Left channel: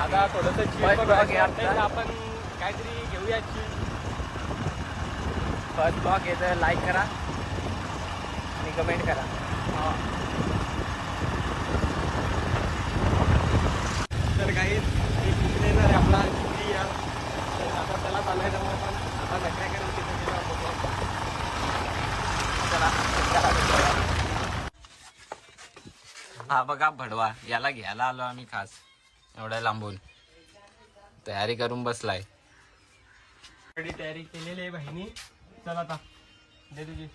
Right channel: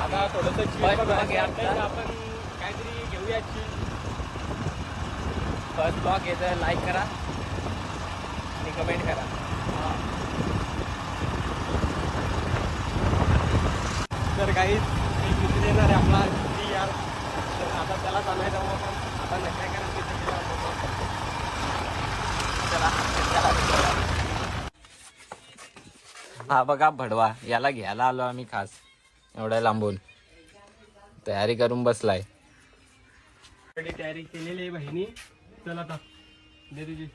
आता थोडंसं आपण काहीतरी घेऊया. फर्स्ट ब्लॉग येतं, लाईक करा आणि कमेंट करा. तर काहीच एक मित्र येणार आहे आपला घरी या. तर आता त्याला चांगले जाऊ आपण आता नकरे हा बघा भडवा, याला घ्यायला आलो आम्ही खास एवढ्या लांबून. तयारी करून बसलाय. तयारी केलेली आहे बहिणी. चल आता दे तुझी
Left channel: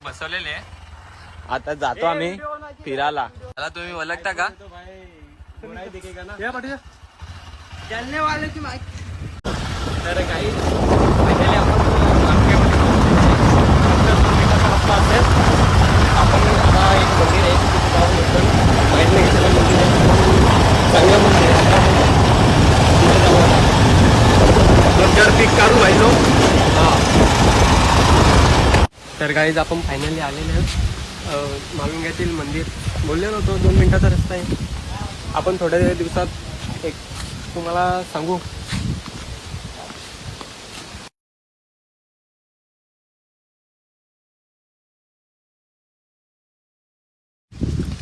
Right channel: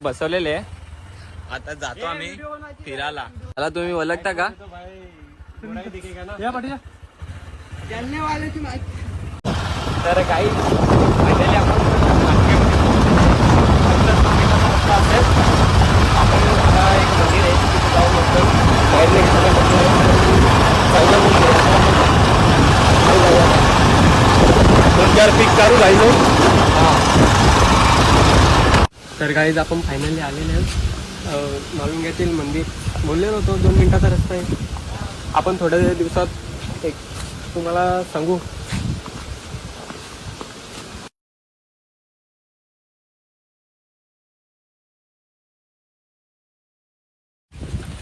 बसवलेले. आता जातो आम्ही फिरायला. मला तुम्ही ओळखता का? तर काही आता एक मंदिर आहे तिथे जाऊन एकदम बाहेर चांगला तिथे जाऊ. रोजगार पीक काढू राहिलो. तर काहीच आपण फायनली आलेले आहेत मालुंग्यातील मंदिर. बोलले नव्हतो 2 मिनिटाचा रस्ता आहे. आपण थोड्या दिवसात एक तुम्हाला सांगू.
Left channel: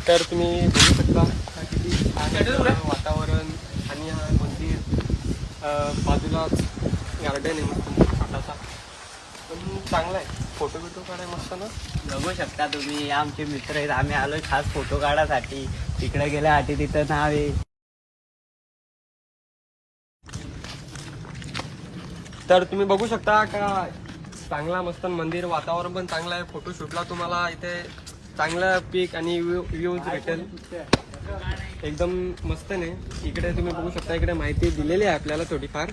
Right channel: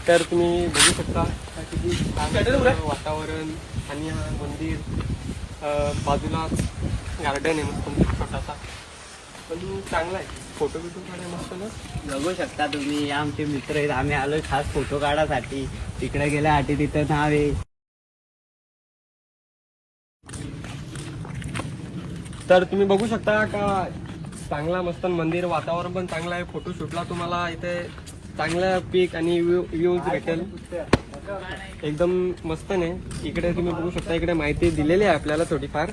तर तुम्ही बघू शकता किती छान वातावरण आणि हा मंदिर. बाजूला गार्डन आहे मस्त छोटासा, पण चांगला आहे. फोटो बिटो काढायला मस्त ना. बघू शकता तुम्ही, आमचे मित्र आहेत. आम्ही आलो खास फोटो काढायसाठी. तिकडे गेल्यासाठी तिथं नाव आहे. तर तुम्ही बघू शकता का चांगला मस्त मंदिर. वातावरण पण चांगलं आहे. फोटोशूटला तुम्हाला इथे चांगलं पीक आणि व्ह्यूज भेटेल. एकदम मस्त नाही. इकडे तुम्ही बघू शकता, इकडे माहिती दिलेली आहे आपल्याला थोडीफार.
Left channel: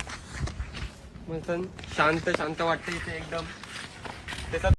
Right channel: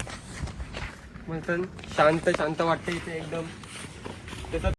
शांत शांत वाटते इथे एकदम. त्याचा